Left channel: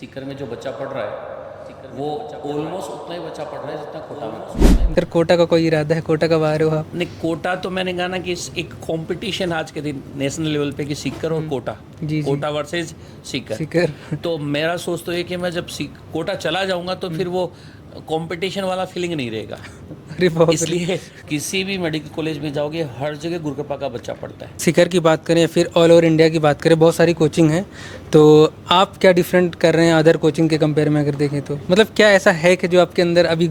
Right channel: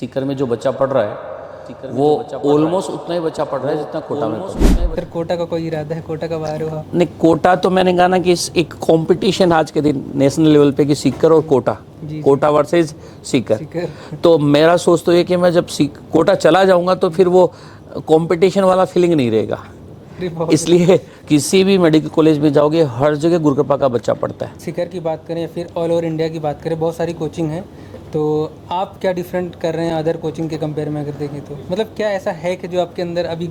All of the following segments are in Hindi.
सीकर में जो बच्चा पढ़ रहा है वो ऑलमोस्ट उतना ही बच्चा पढ़ रहा है जितना कोटा में पढ़ रहा है। फिर कोटा का कोई इरादा है? कोटा कब आ रहे हो आप? नहीं, कोटा तो मैंने कहा ना कि एक कंपटीशन आज के दिन नेशनल लेवल पे कि सीकर और कोटा, जी। कोटा वर्सेस सीकर। सीकर। तो मेरा सोच तो ये कि मैं जब कोटा चला जाऊंगा तो फिर वो कंपटीशन वाला फीलिंग नहीं रहेगा। अरे बाप रे। इसलिए किसी भी मेडिकल कॉलेज में जाओगे हर जगह गुरुकृपा का बच्चा पढ़ता है। सीकर की बात करें या फिर ऑल ओवर इंडिया की बात करें, बहुत सारी कोचिंग है, तो आप क्या डिफरेंट कर रहे हैं अदर कोचिंग के कंपेयर में अगर देखें तो? मतलब क्या ऐसा है कि जो आपके अंदर अभी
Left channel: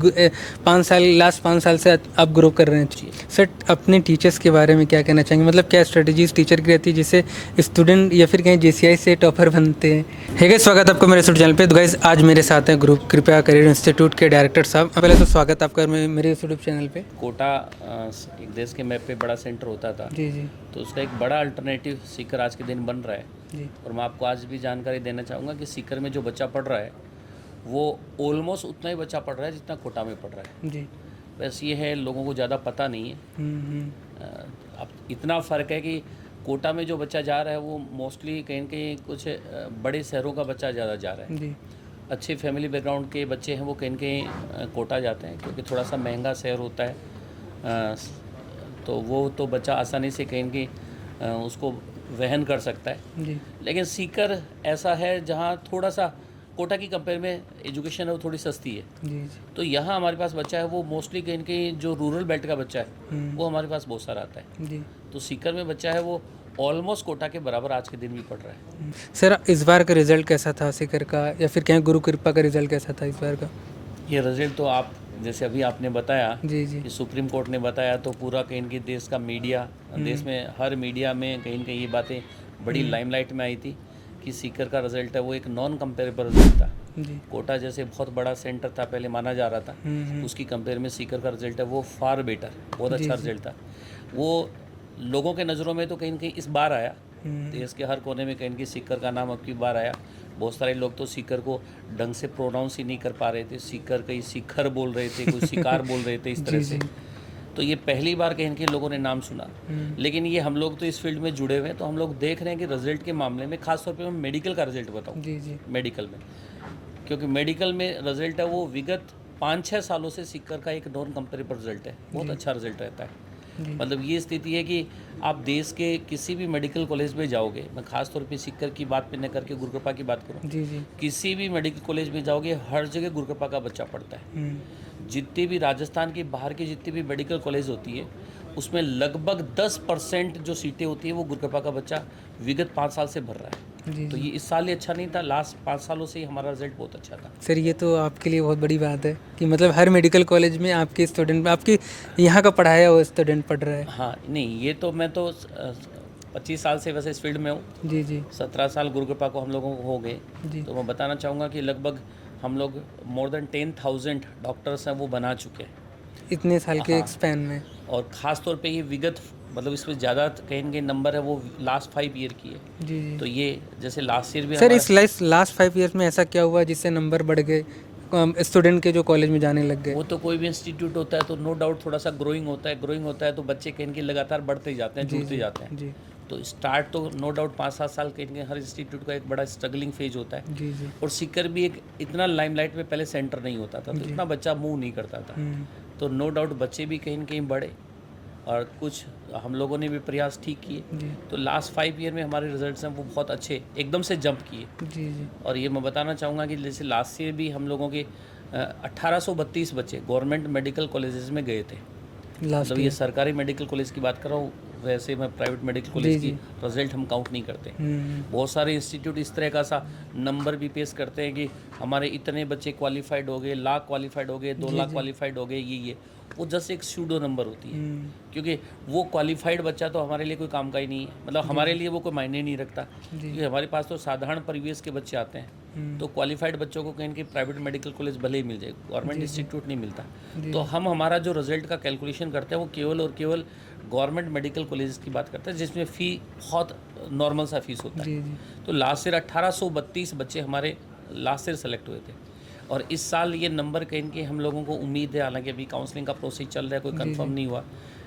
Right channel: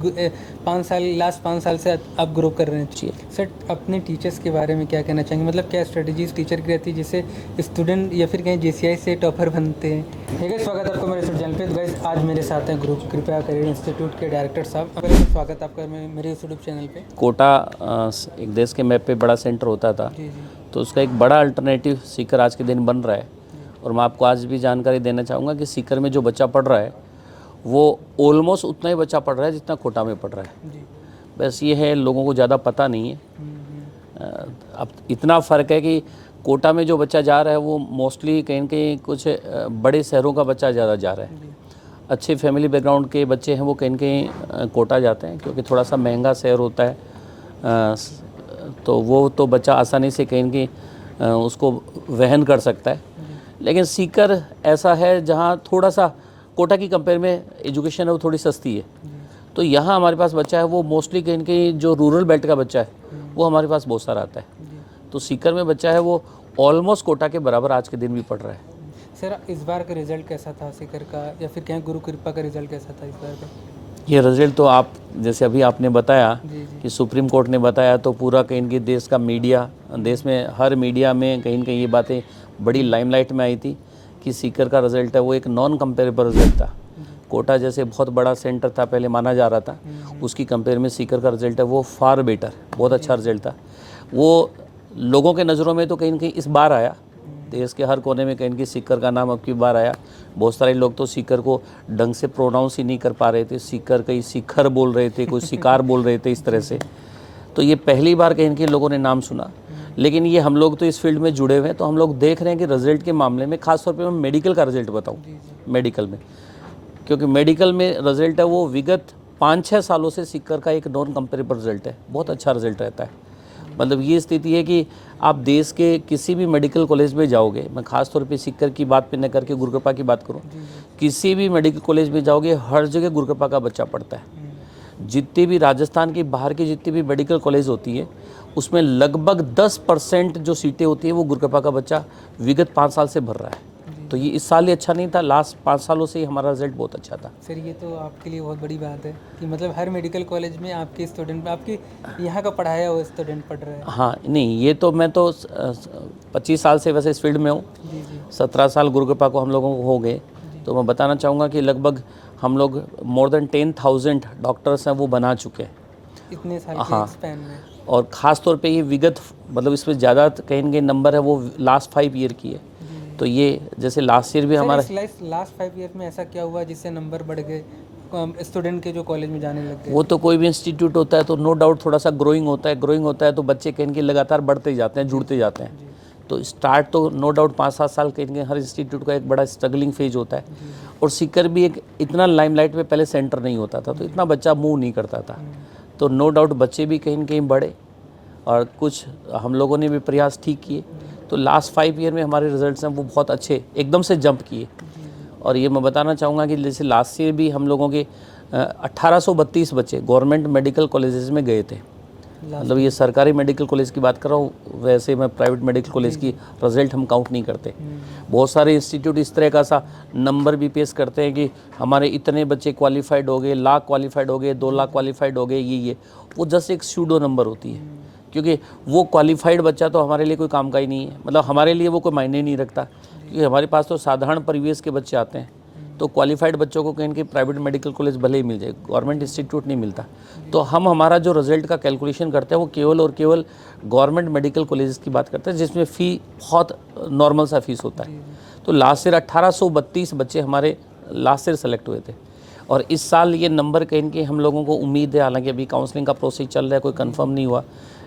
5 साल से आप ग्रो कर रहे हैं? सर, अपने टीचर्स के बारे में क्या कहना चाहेंगे? मतलब क्या स्ट्रेटजीज टीचर की रहती है जिससे स्टूडेंट या फिर कहीं JCI से टॉपर बनते हैं? है गाइस, स्वागत आपका मेरे यूट्यूब चैनल पे। तो गाइस, आज मेरे साथ हैं ग्रुप कृपया करियर इंस्टीट्यूट के डायरेक्टर साहब। पहले तो स्वागत आपका मेरे यूट्यूब चैनल पे। कोटा एक देश के मैप पे बड़ा सेंटर होता था, जी जी तो उसका एक बड़ा अल्टरनेटिव सीकर आज के दिन बन रहा है। जी। और मैं आपको आज भी जानकारी देना चाहूँगा कि सीकर में जो बच्चा पढ़ रहा है वो ऑलमोस्ट उतना ही बच्चा पढ़ रहा है जितना कोटा में पढ़ रहा है। जी। बस ये है, लोगों को ज़्यादा पता नहीं है। अब इतना फ़र्क है कि कोटा में जो बच्चा जा रहा है वो मोस्टली कहीं न कहीं कुछ बड़े शहरों का बच्चा ज़्यादा जा रहा है। जी। अच्छे फैमिली बैकग्राउंड के बच्चे हैं वो कहीं न कहीं कोटा जाते हैं, क्योंकि थोड़ा सा महंगा शहर होता है। तो वो तो बच्चा आसानी से कहीं न कहीं उसको वहन कर सकता है। जी। लेकिन सीकर ऐसा है जहाँ थोड़ा सा कोटा की कंपेयर में एजुकेशन है वो थोड़ी सस्ती है। जी। तो यहाँ हमारे पास बच्चा है वो मोस्टली कहीं न कहीं जो रूरल बेल्ट का बच्चा है वो हमारे पास बहुत सारा आता है। जी। तो सीकर में बच्चा है वो ऑलमोस्ट कोटा के बराबर आज के दिन भी पढ़ रहा है। सर, इस बार का रिजल्ट कैसा था सीकर का, या फिर क्या गुरु कृपा का रिजल्ट कैसा था इस बार का? ये रिजल्ट तो आप जैसे अभी आपने बताया जी जी कि सुप्रीम कोर्ट ने बताया, तो पूरा कहीं न कहीं देश का मीडिया, देश में हर मीडिया में कहीं न कहीं ये बातें बड़ी लाइमलाइट में आई थी कि सीकर का रिजल्ट है वो एक नॉन कंपेरेबल रिजल्ट था। जी। कोटा जैसे बहुत बड़ा सेंटर था पहले माना जा रहा था, उसकी कंपेयर में सीकर का रिजल्ट है वो फार बेटर, बहुत अच्छा रिजल्ट था। वो लोगों के नज़रों में तो कहीं न कहीं इस बार आया, देश के हर कोने में कहीं न कहीं सीकर का नाम अब की बार आया। बहुत सारे लोग तो सीकर को ढंग से प्रोनाउंस ही नहीं कर पा रहे थे, सीकर कहीं शिखर बोल रहे थे, कोई शिकार बोल रहे थे, इस तरह से। तो ये पहली बार कहीं न कहीं लोगों ने नाम सुना। लेकिन ये हम लोग तो इस फील्ड में जुड़े हुए हैं, तो हम लोग देख रहे हैं कि रिजल्ट के मामले में खासतौर पे मैं मेडिकल का रिजल्ट बताऊँ। जी जी मेडिकल में, क्योंकि मेडिकल में रिजल्ट है वो विगत 5-6 सालों से सीकर का एक नॉन कंपेरेबल रिजल्ट है, बहुत अच्छा रिजल्ट रहता है। मतलब ये स्थिति है कि आप देश के किसी भी मेडिकल कॉलेज में जाओगे, मैं खास तौर पे सीकर की बात पे न करके गुरुकृपा की बात करूं, जी जी किसी भी मेडिकल कॉलेज में जाओगे हर जगह गुरुकृपा का बच्चा पढ़ता है। जितनी भी राजस्थान की बाहर की जितनी भी मेडिकल कॉलेज होती है उसमें लगभग 10% जो सीटें होती है वो गुरुकृपा का बच्चा विगत 5 साल से भर रहा है। तो ये इस साल ही अच्छा नहीं था, लास्ट 5 सालों से ही हमारा रिजल्ट बहुत अच्छा था। सर, ये तो आपके लिए बहुत बड़ी बात है कि मतलब हर मेडिकल कॉलेज में आपके स्टूडेंट, आपके यहाँ का पढ़ाया हुआ स्टूडेंट पढ़ रहा है। हाँ, नहीं ये तो मैं तो 25 साल से वैसे इस फील्ड में हूँ। जी जी 17 साल गुरुकृपा को हम लोगों को हो गए। जी। तो मैं बताना चाहूँगा कि लगभग हम लोग मोर देन 10,000 डॉक्टर्स हैं वो बना चुके हैं इतने साल के हाँ। स्पैन में। और ख़ास तौर पे ये विगत मतलब इसमें ज़्यादा कहीं न कहीं नंबर है वो लास्ट 5 ईयर की है। जी जी तो ये जैसे लास्ट ईयर भी सर, हमारा इस लास्ट 5 ईयर्स में ऐसा क्या हुआ जिससे नंबर बढ़ गए, स्टूडेंट के जो कॉलेज में जाने लग गए? वो तो कोई भी इंस्टीट्यूट होता है तो नो डाउट थोड़ा सा ग्रोइंग होता है तो बच्चे कहीं न कहीं लगातार बढ़ते ही जाते हैं, जुड़ते जाते हैं। जी तो स्टार्ट तो नो डाउट 5-7 साल कहीं न कहीं हर इंस्टीट्यूट का एक बड़ा स्ट्रगलिंग फेज होता है। जी जी और सीकर भी एक इतना लाइमलाइट में पहले सेंटर नहीं होता था, तो इतना बच्चा मूव नहीं करता था। तो नो डाउट बच्चे भी कहीं न कहीं बढ़े और कुछ हम लोगों ने भी प्रयास ठीक किए। तो लास्ट 5 ईयर में हमारे रिजल्ट्स हैं वो बहुत अच्छे एकदम से जंप किए। जी जी और ये मैं बताना चाहूँगा कि जैसे लास्ट ईयर भी हम लोगों के 1832 बच्चे गवर्नमेंट मेडिकल कॉलेजेस में गए थे। मतलब ये सरकारी मेडिकल कॉलेज की बात कर रहा हूँ, वैसे मैं प्राइवेट मेडिकल कॉलेज की रिजल्ट हम काउंट नहीं करते। बहुत सारे इंस्टीट्यूट इस तरह का सा नंबर भी पेश करते हैं कि हमारे इतने बच्चे क्वालिफाइड हो गए, लाख क्वालिफाइड हो गए, 2 लाख क्वालिफाइड हो गए, ये वो जस्ट एक सूडो नंबर होती है। क्योंकि वो क्वालिफाइड बच्चा तो हमारे लिए कोई काम का ही नहीं है, मतलब हमारे लिए वो कोई मायने नहीं रखता, क्योंकि हमारे पास तो साधारण परिवेश के बच्चे आते हैं। तो क्वालिफाइड बच्चों को कहीं प्राइवेट मेडिकल कॉलेज भले ही मिल जाए, गवर्नमेंट इंस्टीट्यूट नहीं मिलता। तो हम हमारा जो रिजल्ट का कैलकुलेशन करते हैं वो केवल और केवल गवर्नमेंट मेडिकल कॉलेज की बात करते हैं, जिसमें फ़ी बहुत नॉर्मल सा फीस होता है। तो लास्ट ईयर 1832 बच्चे हमारे लास्ट ईयर सेलेक्ट हुए थे। और इस साल ये नंबर कहीं न कहीं हम लोगों को उम्मीद है, हालांकि अभी काउंसलिंग का प्रोसेस चल रहा है, कोई कंफर्म नहीं हुआ,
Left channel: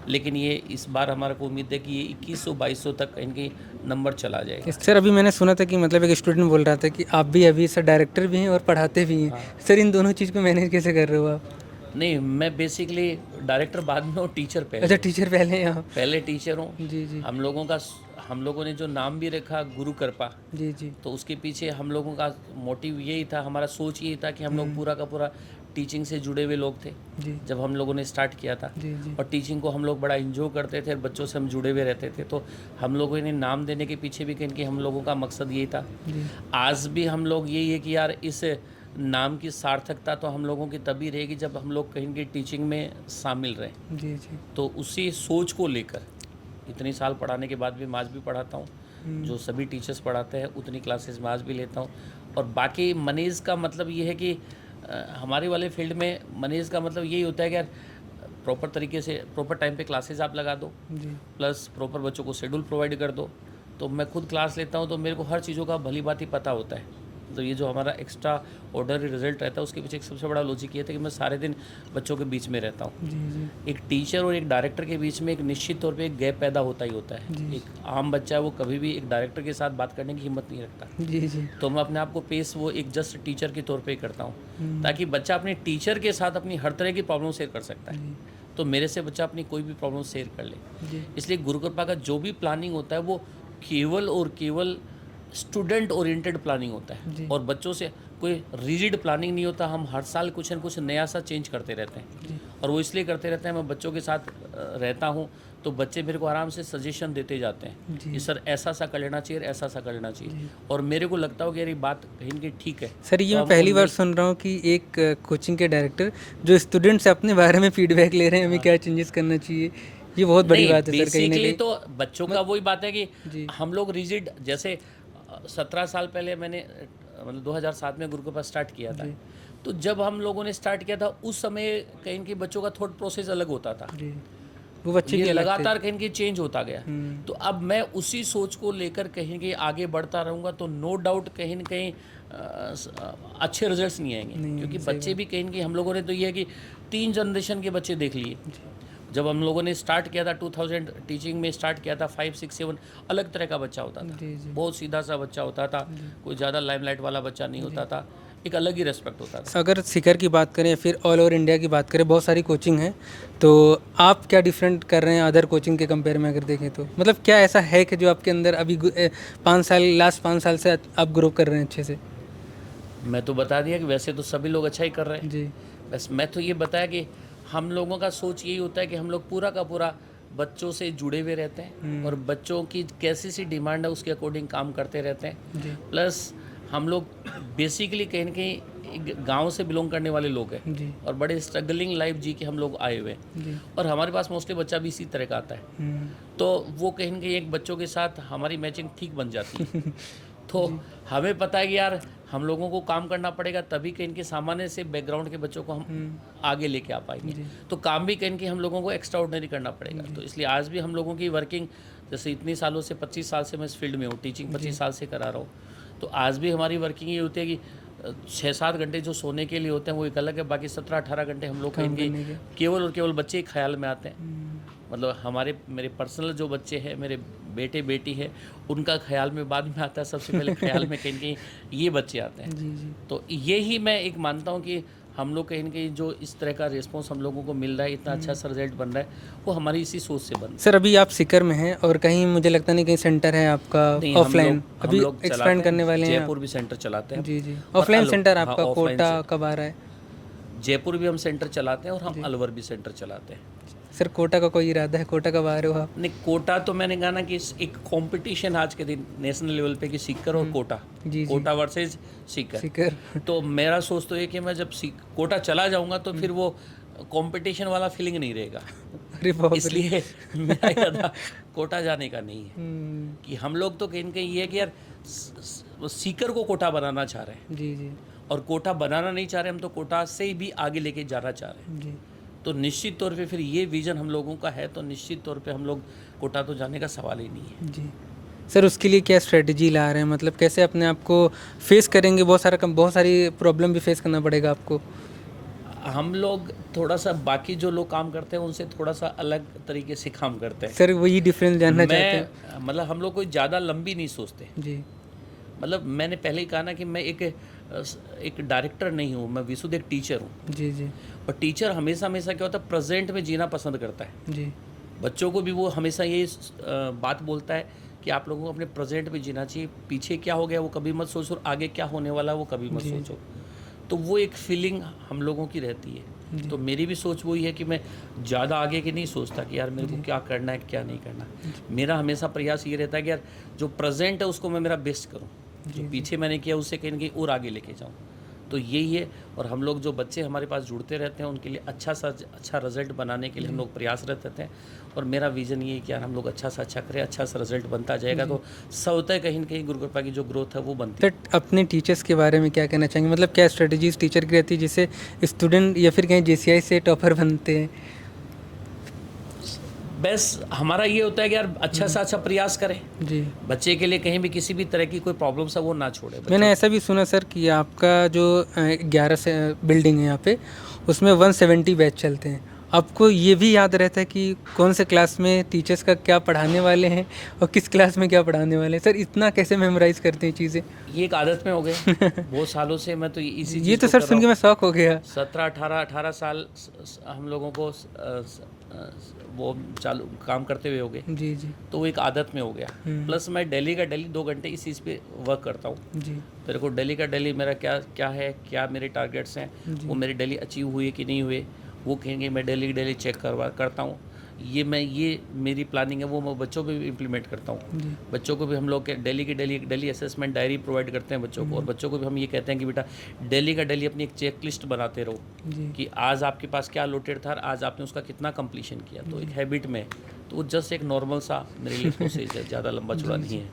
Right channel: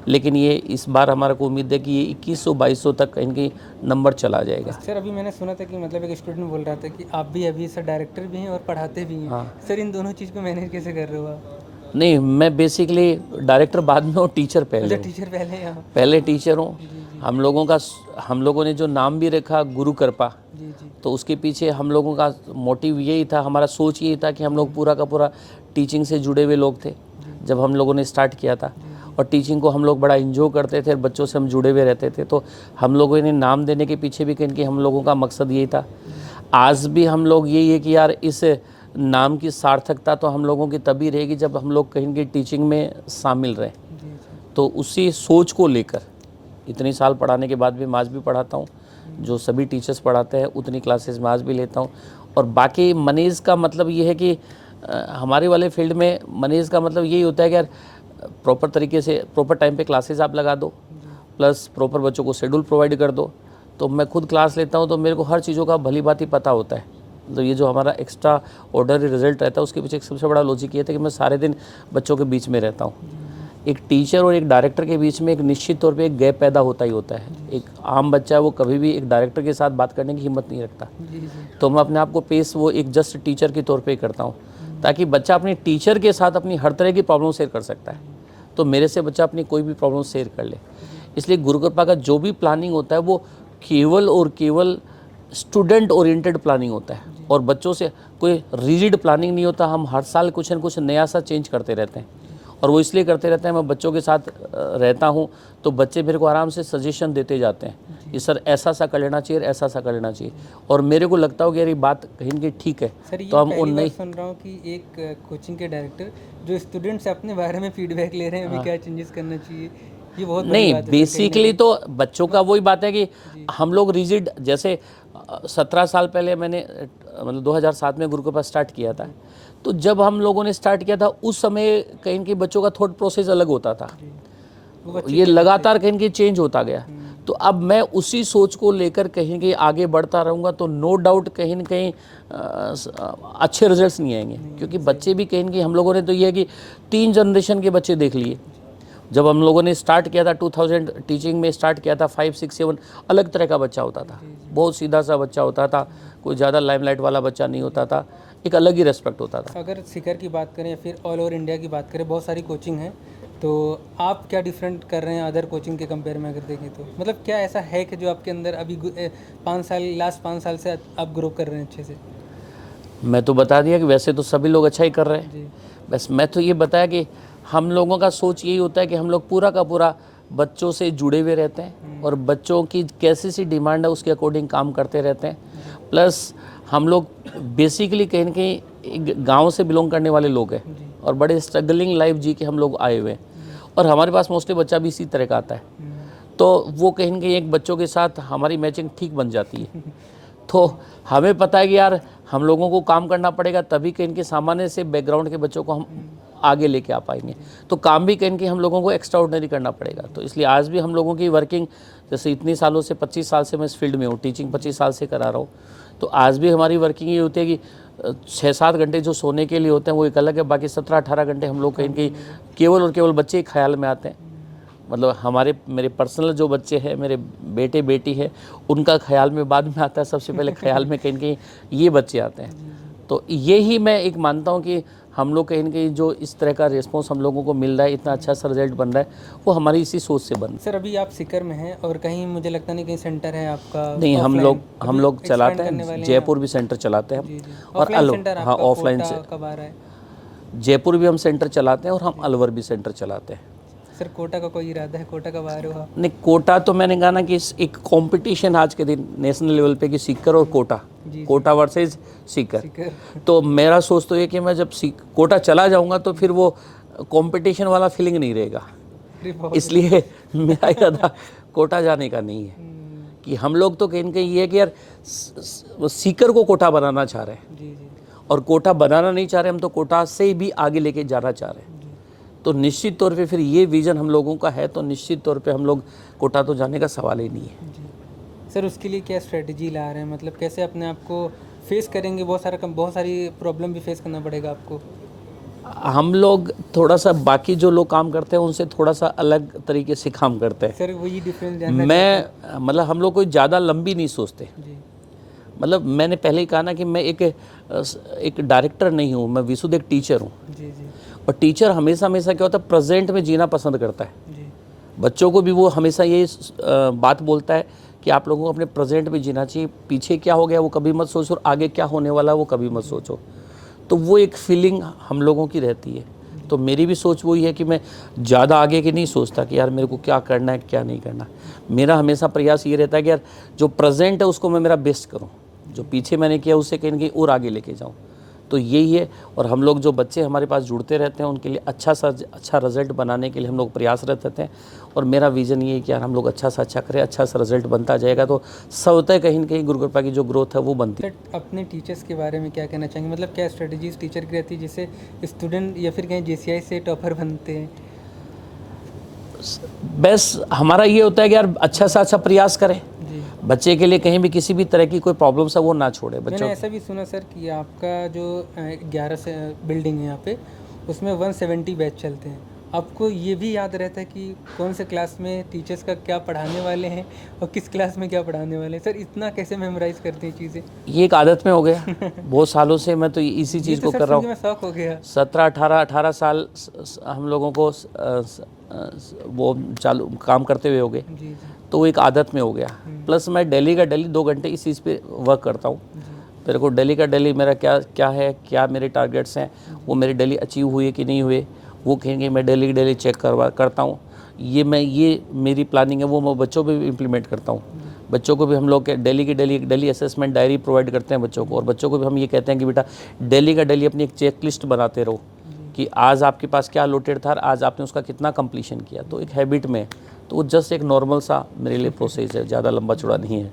लेकिन ये इस बार हमारा को उम्मीद है कि ये 2100-2200 तक इनकी नंबर चला जाएगा। सर अभी मैंने सुना था कि मतलब एक स्टूडेंट बोल रहा था कि आप भी अभी सर डायरेक्टर भी हैं और पढ़ाते भी हैं। सर इन दोनों चीज़ को मैनेज कैसे कर रहे हो आप? नहीं, मैं बेसिकली डायरेक्टर बाद में और टीचर पहले अच्छा हूँ। टीचर पहले हैं आप? पहले टीचर हूँ। जी जी हम लोगों ने जो नाम भी रखा गुरु कृपा, जी जी तो उसके पीछे हम लोगों का मोटिव यही था, हमारा सोच यही था कि हम लोग पूरा का पूरा टीचिंग से जुड़े हुए लोग थे जी जब हम लोगों ने स्टार्ट किया था। जी जी और टीचिंग को हम लोग बड़ा इंजॉय करते थे, बच्चों से हम जुड़े हुए रहते थे। तो हम लोगों ने नाम देने के पीछे भी कहीं हम लोगों का मकसद यही था। आज भी हम लोग यही है कि यार इस नाम की सार्थकता तो हम लोगों की तभी रहेगी जब हम लोग कहीं टीचिंग में शामिल रहें। जी जी तो उसी सोच को लेकर इतनी साल पढ़ाने के बाद भी मैं आज भी पढ़ाता हूँ। जो सभी टीचर्स पढ़ाते हैं उतनी क्लासेस में आज भी लेता हूँ। और बाकी मैनेज का मतलब ये है कि हमारे वाले फील्ड में मैनेज का मतलब यही होता है कि यार प्रॉपर तरीके से प्रॉपर टाइम पे क्लासेस आप लगा दो, प्लस प्रॉपर बच्चों को शेड्यूल प्रोवाइड कर दो। तो मैं खुद क्लास लेता हूँ तो मेरे को हर चीज़ों का भली बात ही पता होता है। तो ये जो हमारा एक्स्ट्रा ऑर्डर रिजल्ट रहता है उसके पीछे एक सबसे बड़ा लॉजिक ये था कि मैं सारे दिन बच्चों के बीच में रहता हूँ। एक टीचर और एक डायरेक्टर के बीच में एक निश्चित तौर पे एक गैप पैदा होता ही होता है। एक आम बच्चा है वो कभी भी एक डायरेक्टर के साथ बात करने की हिम्मत नहीं रखता। जी जी तो मैं अपने आप को पेश वो एक जस्ट टीचर के तौर पे करता हूँ, ताकि बच्चा अपने टीचर के साथ अपनी हर तरह की प्रॉब्लम शेयर कर सकता है। तो मेरे से बच्चा अपनी कोई भी प्रॉब्लम शेयर कर ले। इसलिए गुरु कृपा का जो भी प्लानिंग होता है वो केवल और केवल स्टूडेंट ओरिएंटेड प्लानिंग होता है और बच्चों से कोई रिजिड प्लानिंग नहीं होता। हम हर साल कुछ न कुछ नया सा चेंज करते रहते हैं और वो इसलिए करते रहते हैं, मैं बच्चों के साथ रहता हूँ तो बच्चे मेरे को आराम से सजेशन देते जाते हैं कि सर ऐसा सा कर लेना चाहिए, ऐसा सा कर लेना चाहिए। और मेरे को लगता हो कि यार ये बात कहीं ना कहीं ठीक है। सर ये तो मैं हम पहली बार उनमें- सुन रहा हूँ कि एक कोचिंग के डायरेक्टर जो स्टूडेंट से अपने बारे में फीडबैक ले रहे हैं अभी क्या चेंजेस करना चाहिए, ये बहुत बड़ी नहीं, बात है सर। कहीं ना बेसिकली कहीं तो बच्चों का वही बात है कि हम लोग रिजिड, जैसे 17 साल पहले मैंने मतलब 2007 में गुरु कृपा स्टार्ट किया था। तो जब हम लोगों ने स्टार्ट किया था उस समय कहीं के बच्चों का थॉट प्रोसेस अलग होता था। जी वो बच्चे ये क्या लगातार कहीं के चेंज होता गया। हम्म। तो अब मैं उसी सोच को लेकर कहीं के आगे बढ़ता रहूँगा तो नो डाउट कहीं न कहीं अच्छे रिजल्ट्स नहीं आएंगे, क्योंकि बच्चे भी कहीं न कहीं हम लोगों ने तो ये है कि 3 जनरेशन के बच्चे देख लिए। जब हम लोगों ने स्टार्ट किया था 2000 टीचिंग में स्टार्ट किया था 5, 6, 7 अलग तरह का बच्चा होता था। बहुत सीधा सा बच्चा होता था, कोई ज़्यादा लाइमलाइट वाला बच्चा नहीं होता था, एक अलग ही रेस्पेक्ट होता था। अगर सीकर की बात करें या फिर ऑल ओवर इंडिया की बात करें, बहुत सारी कोचिंग है, तो आप क्या डिफरेंट कर रहे हैं अदर कोचिंग के कंपेयर में अगर देखें तो? मतलब क्या ऐसा है कि जो आपके अंदर अभी 5 साल से आप ग्रो कर रहे हैं अच्छे से? मैं तो बता दिया कि वैसे तो सभी लोग अच्छा ही कर रहे हैं। जी बस मैं तो ये बताया कि हम लोगों का सोच यही होता है कि हम लोग पूरा का पूरा बच्चों से जुड़े हुए रहते हैं और बच्चों की कैसी सी डिमांड है उसके अकॉर्डिंग काम करते रहते हैं। प्लस हम लोग बेसिकली कहीं न कहीं एक गाँव से बिलोंग करने वाले लोग हैं जी और बड़े स्ट्रगलिंग लाइफ जी के हम लोग आए हुए हैं और हमारे पास मोस्टली बच्चा भी इसी तरह का आता है। तो वो कहीं न कहीं एक बच्चों के साथ हमारी मैचिंग ठीक बन जाती है। तो हमें पता है कि यार हम लोगों को काम करना पड़ेगा तभी कहीं के सामान्य से बैकग्राउंड के बच्चों को हम आगे लेके आ पाएंगे। तो काम भी कहीं के हम लोगों को एक्स्ट्रा ऑर्डिनरी करना पड़ेगा। तो इसलिए आज भी हम लोगों की वर्किंग, जैसे इतनी सालों से 25 साल से मैं इस फील्ड में हूँ, टीचिंग 25 साल से करा रहा हूँ, तो आज भी हमारी वर्किंग ये होती है कि 6-7 घंटे जो सोने के लिए होते हैं वो एक अलग है, बाकी 17-18 घंटे हम लोग कहीं के केवल और केवल बच्चे ही ख्याल में आते हैं। मतलब मेरे पर्सनल जो बच्चे हैं, मेरे बेटे बेटी है, उनका ख्याल में बाद में आता है, सबसे पहले ख्याल में कहीं कहीं ये बच्चे आते हैं। तो यही मैं एक मानता हूँ कि हम लोग कहीं कहीं जो इस तरह का रिस्पॉन्स हम लोगों को मिल रहा है, इतना अच्छा सा रिजल्ट बन रहा है, वो हमारी इसी सोच से बन रहा है। सर अभी आप सीकर में हैं और कहीं मुझे लगता नहीं कहीं सेंटर है आपका? नहीं, हम offline? लोग अभी चलाते expand करने वाले हैं, हैं जयपुर भी सेंटर चलाते हैं। जी जी। और ऑफलाइन सेंटर हाँ, आपका ऑफलाइन कोटा से कब आ रहा है? जयपुर भी हम सेंटर चलाते हैं और हम अलवर भी सेंटर चलाते हैं। सर कोटा का कोई इरादा है? कोटा कब आ रहे हो आप? नहीं, कोटा तो मैंने कहा ना कि एक कंपटीशन आज के दिन नेशनल लेवल पे कि सीकर और कोटा, जी कोटा वर्सेस सीकर। सीकर तो मेरा सोच तो ये कि मैं जब कोटा चला जाऊंगा तो फिर वो कंपटीशन वाला फीलिंग नहीं रहेगा। अरे बहुत इसलिए मेरा इरादा कोटा जाने का नहीं है हम्म, कि हम लोग तो कहीं कहीं ये है कि यार सीकर को कोटा बनाना चाह रहे हैं जी जी और कोटा बनाना नहीं चाह रहे, हम तो कोटा से भी आगे लेके जाना चाह रहे हैं। जी। तो निश्चित तौर पे फिर ये विज़न हम लोगों का है, तो निश्चित तौर पे हम लोग कोटा तो जाने का सवाल ही नहीं है। जी सर, उसके लिए क्या स्ट्रेटजी ला रहे हैं? मतलब कैसे अपने आप को फेस करेंगे? बहुत सारी प्रॉब्लम भी फेस करना पड़ेगा आपको। हम लोग थोड़ा सा बाकी जो लोग काम करते हैं उनसे थोड़ा सा अलग तरीके से काम करते हैं। सर वही डिफरेंस जानना चाहते हैं। मैं मतलब हम लोग कोई ज़्यादा लंबी नहीं सोचते। जी मतलब मैंने पहले ही कहा ना कि मैं एक डायरेक्टर नहीं हूँ, मैं विशुद्ध एक टीचर हूँ। जी जी और टीचर हमेशा हमेशा क्या होता है, प्रेजेंट में जीना पसंद करता है। जी बच्चों को भी वो हमेशा ये बात बोलता है कि आप लोगों को अपने प्रेजेंट में जीना चाहिए, पीछे क्या हो गया वो कभी मत सोचो और आगे क्या होने वाला है वो कभी मत सोचो। तो वो एक फीलिंग हम लोगों की रहती है। तो मेरी भी सोच वही है कि मैं ज़्यादा आगे की नहीं सोचता कि यार मेरे को क्या करना है क्या नहीं करना। मेरा हमेशा प्रयास ये रहता है कि यार जो प्रेजेंट है उसको मैं मेरा बेस्ट करूँ, जो पीछे मैंने किया उससे कहीं ना कहीं और आगे लेके जाऊँ। तो यही है। और हम लोग जो बच्चे हमारे पास जुड़ते रहते हैं उनके लिए अच्छा रिजल्ट बनाने के लिए हम लोग प्रयासरत रहते हैं। और मेरा विज़न ये है कि यार हम लोग अच्छा सा अच्छा करें, अच्छा सा रिजल्ट बनता जाएगा तो स्वतः कहीं ना कहीं गुरु कृपा की जो ग्रोथ है वो बनती है। सर अपने टीचर्स के बारे में क्या कहना चाहेंगे, मतलब क्या स्ट्रेटजीज टीचर की रहती है जिससे स्टूडेंट या फिर कहीं JCI से टॉपर बनते हैं? बस हमारा ये होता है कि यार अच्छा सा अच्छा प्रयास करें, जी बच्चे के लिए कहीं भी किसी भी तरह की कोई प्रॉब्लम्स है वो ना छोड़े। मैंने ऐसा भी सुना सर कि आपका जो 11 से बिल्डिंग है यहाँ पे उसमें 170 बैच चलते हैं। आपको ये भी याद रहता है कि कौन से क्लास में टीचर्स का क्या पढ़ाने वाले हैं और किस क्लास में क्या पढ़ाने वाले हैं? सर इतना कैसे मेमोराइज करते हैं चीज़ें? ये एक आदत में हो गया। बहुत सालों से मैं तो इसी ये चीज़ तो को सर कर रहा सुन के हूँ। मैं शौक हो गया। 17-18 साल हम लोगों को वो चालू काम करते हुए हो गए। जी जी तो वो एक आदत में हो गया। प्लस मैं डेली का डेली 2 घंटे इस चीज़ पे वर्क करता हूँ। जी मेरे को डेली का डेली मेरा क्या क्या है, क्या मेरे टारगेट्स हैं, वो मेरे डेली अचीव हुए कि नहीं हुए, वो कहेंगे मैं डेली चेक करता हूँ। ये मेरी प्लानिंग है, वो मैं बच्चों पे भी इम्प्लीमेंट करता हूँ। बच्चों को भी हम लोग डेली की डेली असेसमेंट डायरी प्रोवाइड करते हैं बच्चों को। और बच्चों को भी हम ये कहते हैं कि बेटा डेली का डेली अपनी एक चेक लिस्ट बनाते रहो कि आज आपके पास क्या अलोटेड था, आज आपने उसका कितना कंप्लीशन किया। तो एक हैबिट में, तो वो जस्ट एक नॉर्मल सा मेरे लिए प्रोसेस है, ज़्यादा लंबा चौड़ा नहीं है।